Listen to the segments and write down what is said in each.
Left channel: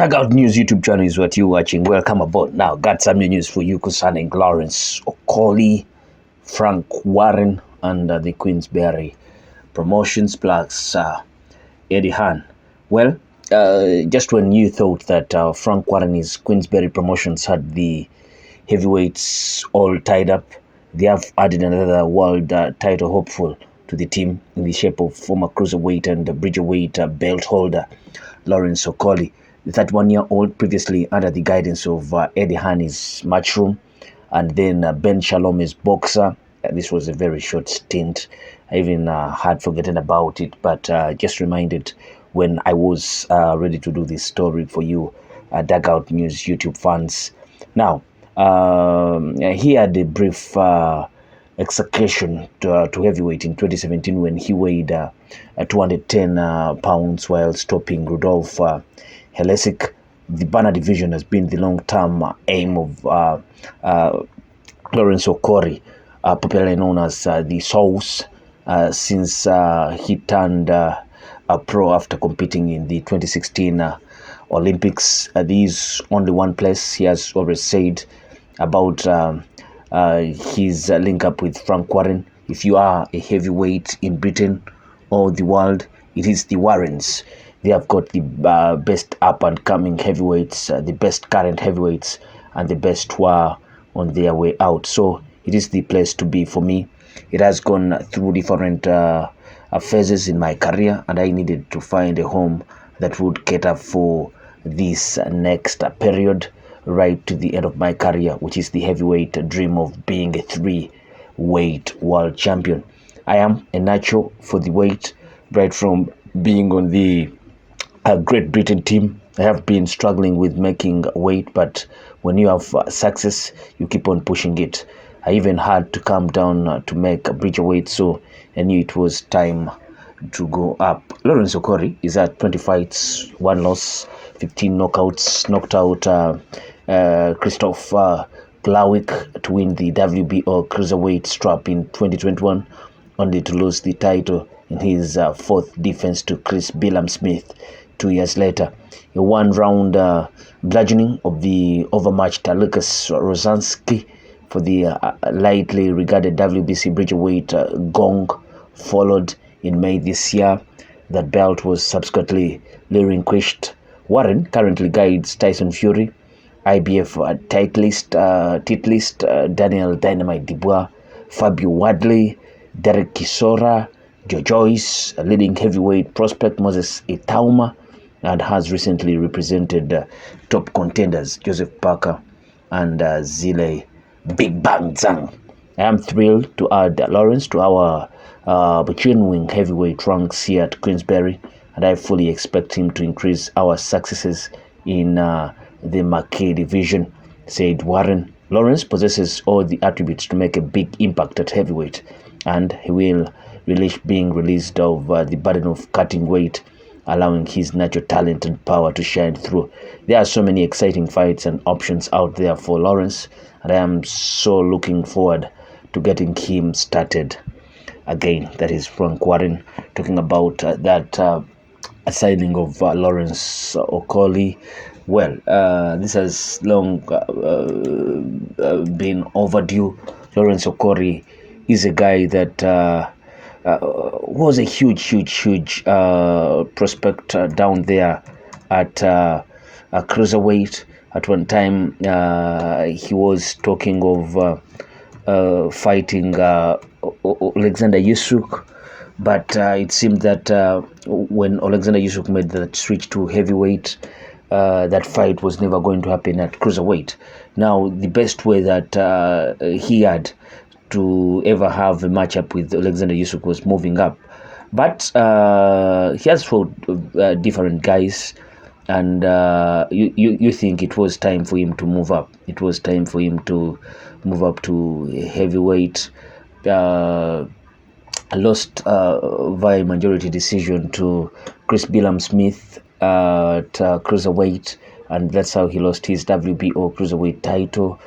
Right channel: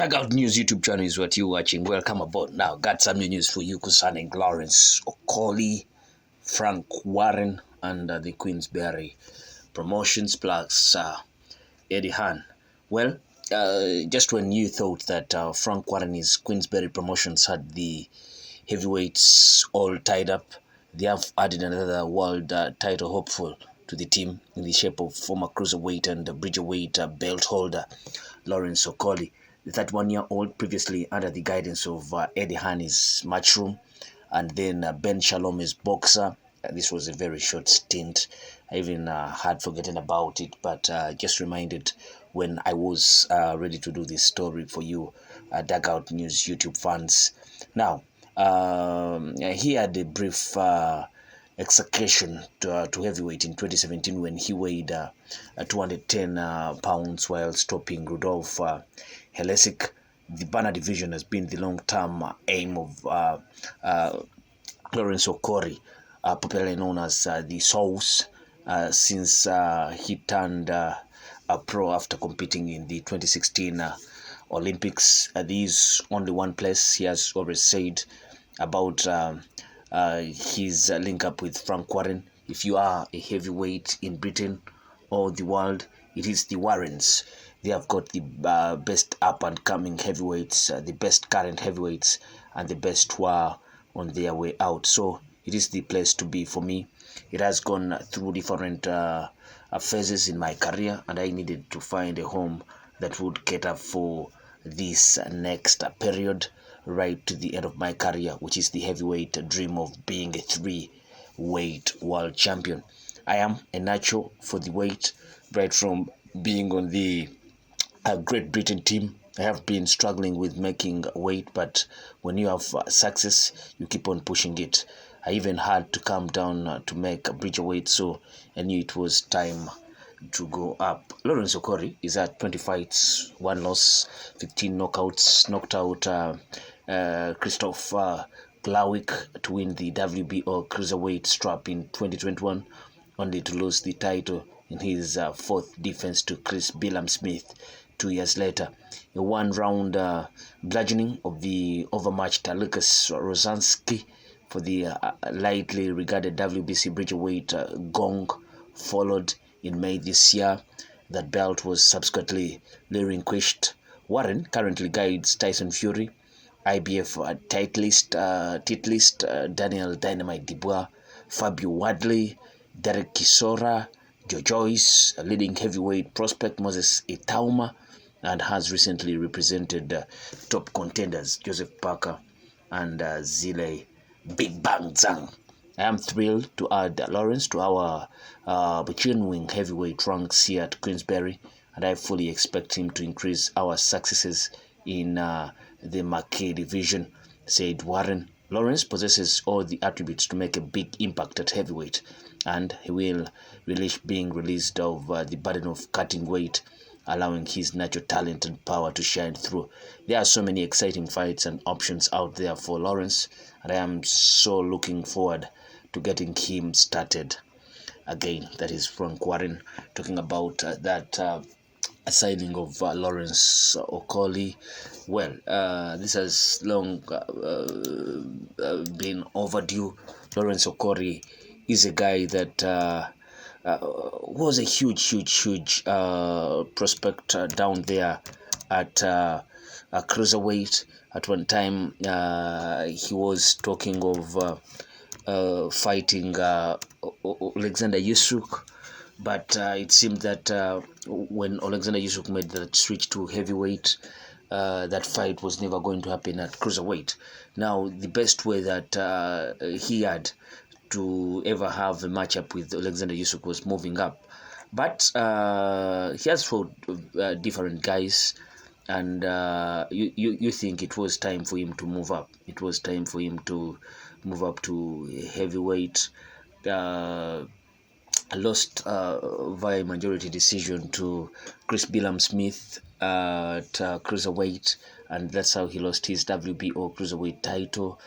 Dugout News YouTube channel is what you're watching. Welcome aboard. Now, got some new news for you concerning Lawrence Okolie, Frank Warren, and the Queensberry promotions plus Eddie Hearn. Well, just when you thought that Frank Warren's Queensberry promotions had the heavyweights all tied up, they have added another world title hopeful to the team in the shape of former cruiserweight and bridgerweight belt holder Lawrence Okolie. The 31-year-old, previously under the guidance of Eddie Hearn, is Matchroom, and then Ben Shalom is boxer. This was a very short stint. I even had forgotten about it, but just reminded when I was ready to do this story for you, Dugout News YouTube fans. Now, he had a brief execution to heavyweight in 2017 when he weighed 210 pounds while stopping Rudolph Helesic. The banner division has been the long-term aim of Lawrence Okolie, popularly known as the Souls, since he turned pro after competing in the 2016 Olympics. There is only one place he has always said about his link up with Frank Warren. If you are a heavyweight in Britain or the world, it is the Warrens. They have got the best up-and-coming heavyweights, the best current heavyweights, and the best who are on their way out. So it is the place to be for me. It has gone through different phases in my career, and I needed to find a home that would cater for this next period right to the end of my career, which is the heavyweight dream of being a three-weight world champion. I am a natural for the weight, right from being on the Great Britain team. I have been struggling with making weight, but when you have success, you keep on pushing it. I even had to come down to make a bridgerweight, so I knew it was time to go up. Lawrence Okolie is at 20 fights, 1 loss, 15 knockouts, knocked out Christoph Glawick to win the WBO cruiserweight strap in 2021, only to lose the title in his fourth defense to Chris Billam-Smith 2 years later. A one-round bludgeoning of the overmatched Lucas Rosansky for the lightly regarded WBC bridgerweight gong followed in May this year. That belt was subsequently relinquished. Warren currently guides Tyson Fury, IBF titleist Daniel Dynamite Dubois, Fabio Wadley, Derek Chisora, Joe Joyce, a leading heavyweight prospect Moses Itauma, and has recently represented top contenders Joseph Parker and Zile Big Bang Zhang. I am thrilled to add Lawrence to our genuine heavyweight ranks here at Queensberry, and I fully expect him to increase our successes in the marquee division, said Warren. Lawrence possesses all the attributes to make a big impact at heavyweight, and he will relish being released of the burden of cutting weight, allowing his natural talent and power to shine through. There are so many exciting fights and options out there for Lawrence, and I am so looking forward to getting him started again. That is Frank Warren talking about that signing of Lawrence Okolie. Well, this has long been overdue. Lawrence Okolie is a guy that was a huge prospect down there at cruiserweight. At one time, he was talking of fighting Alexander Usyk, but it seemed that when Alexander Usyk made that switch to heavyweight, that fight was never going to happen at cruiserweight. Now, the best way that he had to ever have a matchup with Alexander Usyk was moving up, but he has fought different guys, and you think it was time for him to move up. It was time for him to move up to heavyweight. Lost via majority decision to Chris Billam-Smith at cruiserweight, and that's how he lost his WBO cruiserweight title.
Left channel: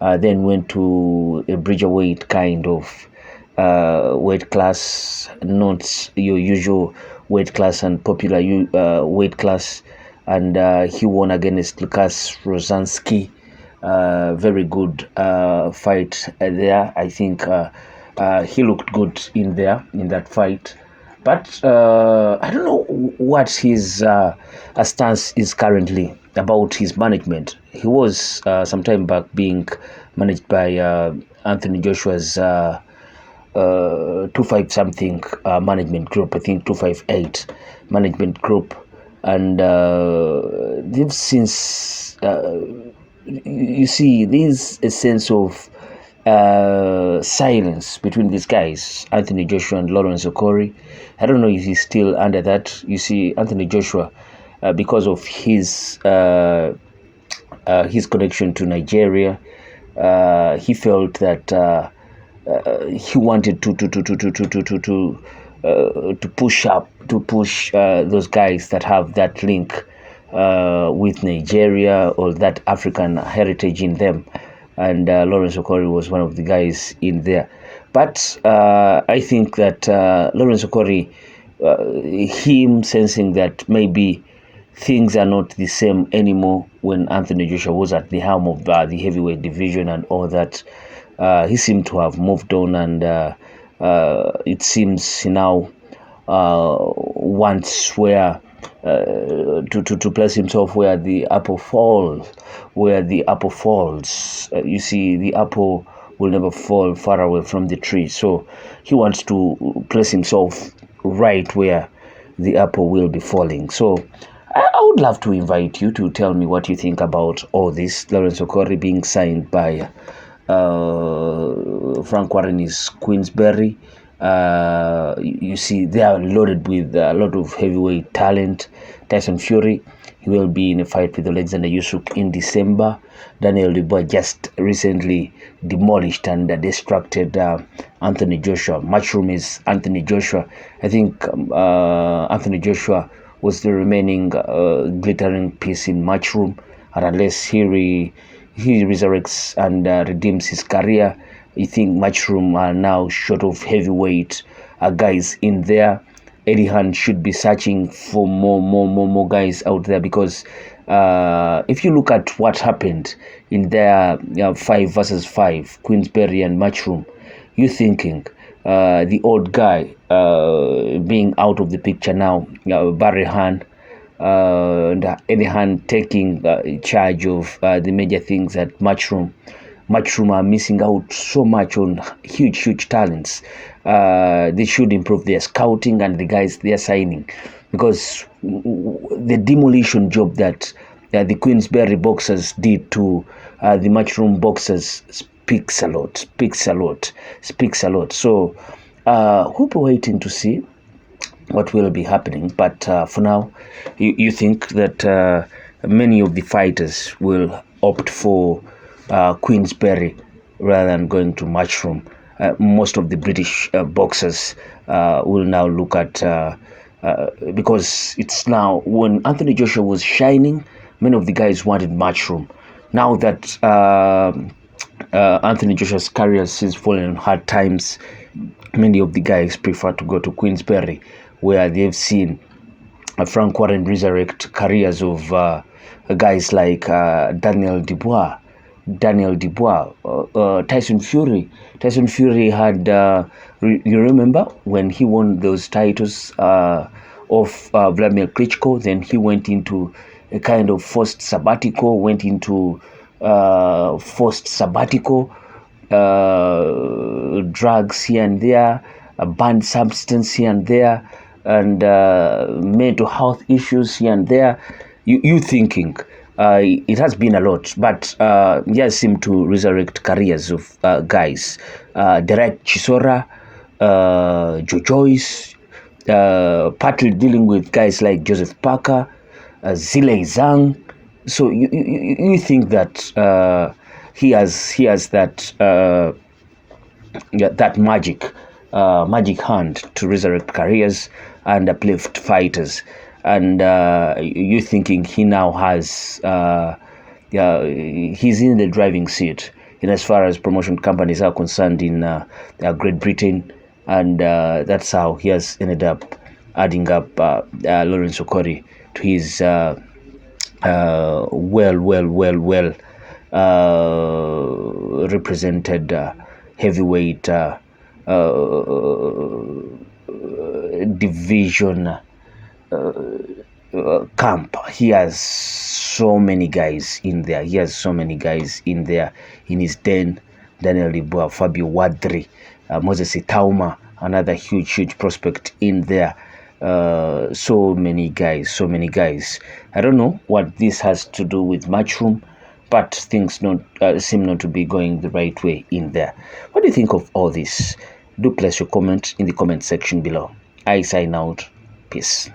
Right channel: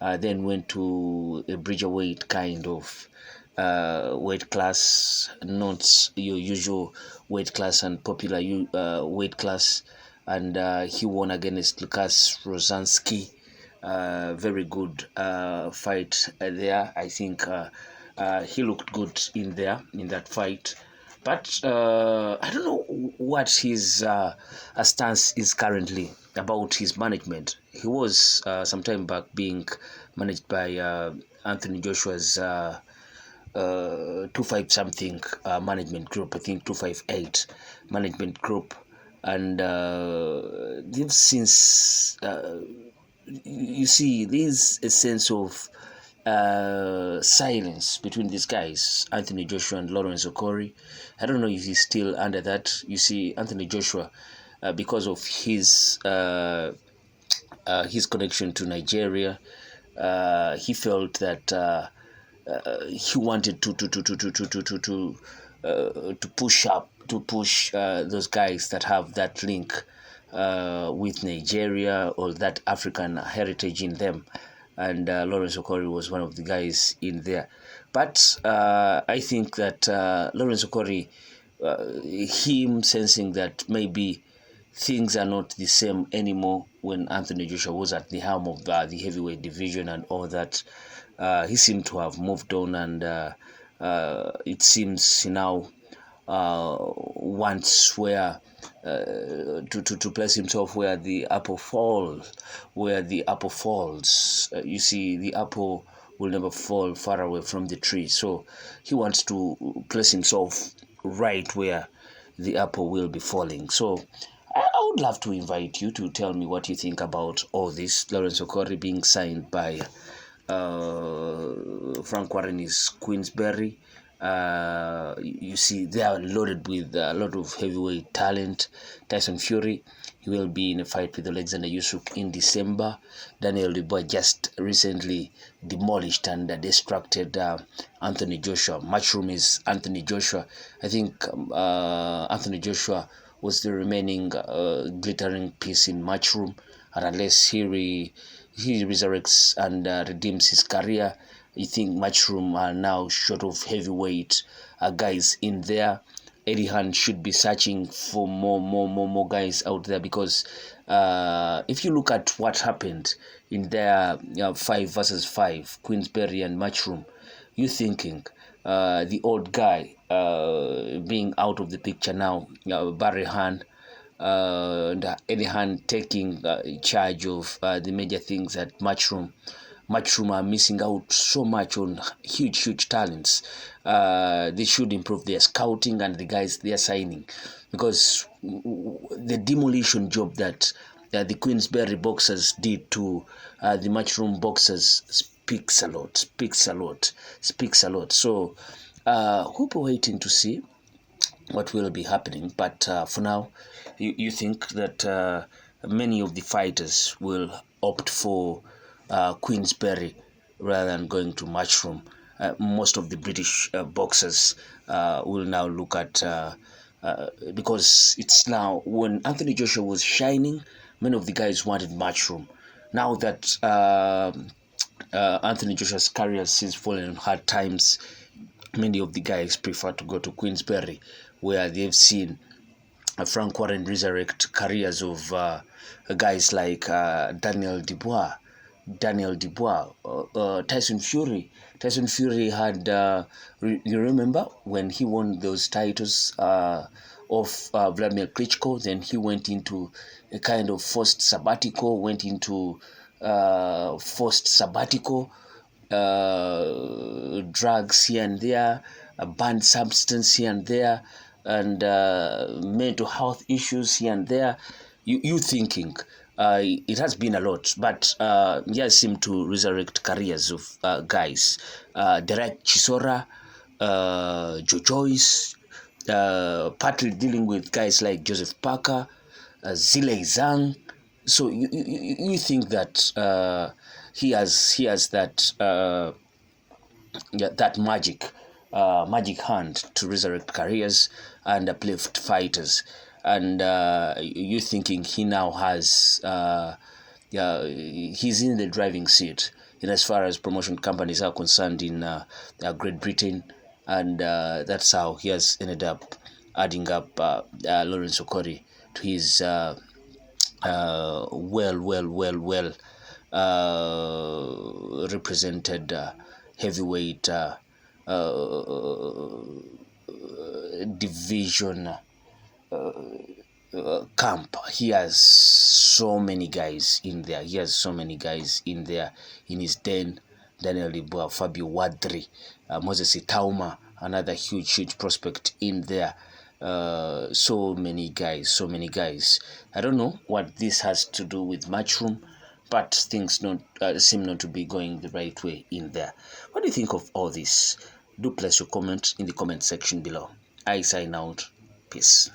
Then went to a bridgerweight kind of weight class, not your usual weight class and popular weight class, and he won against Lukas Rosansky. Very good fight there. I think he looked good in that fight. But I don't know what his stance is currently about his management. He was some time back being managed by Anthony Joshua's 25 something management group. I think 258 management group, and they've since you see there's a sense of silence between these guys, Anthony Joshua and Lawrence Okolie. I don't know if he's still under that. You see, Anthony Joshua, because of his connection to Nigeria, he felt that he wanted to push those guys that have that link with Nigeria or that African heritage in them. And Lawrence Okolie was one of the guys in there. But I think that Lawrence Okolie, him sensing that maybe things are not the same anymore when Anthony Joshua was at the helm of the heavyweight division and all that, he seemed to have moved on, and it seems he now wants where to place himself where the apple falls. You see, the apple will never fall far away from the tree. So he wants to place himself right where the apple will be falling. So I would love to invite you to tell me what you think about all this. Lawrence Okolie being signed by Frank Warren's Queensberry. You see, they are loaded with a lot of heavyweight talent. Tyson Fury, he will be in a fight with Alexander Usyk in December. Daniel Dubois just recently demolished and distracted Anthony Joshua. Matchroom is Anthony Joshua. I think Anthony Joshua was the remaining glittering piece in Matchroom, and unless he resurrects and redeems his career, I think Matchroom are now short of heavyweight guys in there. Eddie Hearn should be searching for more guys out there, because if you look at what happened in their 5 versus 5, Queensberry and Matchroom, you're thinking the old guy being out of the picture now, Barry Hearn, and Eddie Hearn taking charge of the major things at Matchroom. Matchroom are missing out so much on huge talents. They should improve their scouting and the guys they are signing, because the demolition job that the Queensberry boxers did to the Matchroom boxers speaks a lot. So we'll be waiting to see what will be happening. But for now, you think that many of the fighters will opt for Queensberry rather than going to Matchroom. Most of the British boxers will now look at, because it's now, when Anthony Joshua was shining, many of the guys wanted Matchroom. Now that Anthony Joshua's career has fallen on hard times, many of the guys prefer to go to Queensberry, where they've seen Frank Warren resurrect careers of guys like Daniel Dubois, Tyson Fury. Tyson Fury had, you remember when he won those titles of Vladimir Klitschko, then he went into a kind of forced sabbatical, drugs here and there, a banned substance here and there, and mental health issues here and there. You thinking it has been a lot, but he has seemed to resurrect careers of guys. Derek Chisora, Joe Joyce, partly dealing with guys like Joseph Parker, Zile Zhang. So you think that he has that that magic hand to resurrect careers and uplift fighters, and you thinking he now has he's in the driving seat in as far as promotion companies are concerned in Great Britain, and that's how he has ended up adding up Lawrence Okolie to his well represented heavyweight division camp. He has so many guys in there. He has so many guys in there in his den. Daniel Dubois, Fabio Wadri, Moses Itauma, another huge prospect in there. So many guys. I don't know what this has to do with Matchroom, but things seem not to be going the right way in there. What do you think of all this? Do place your comment in the comment section below. I sign out. Peace.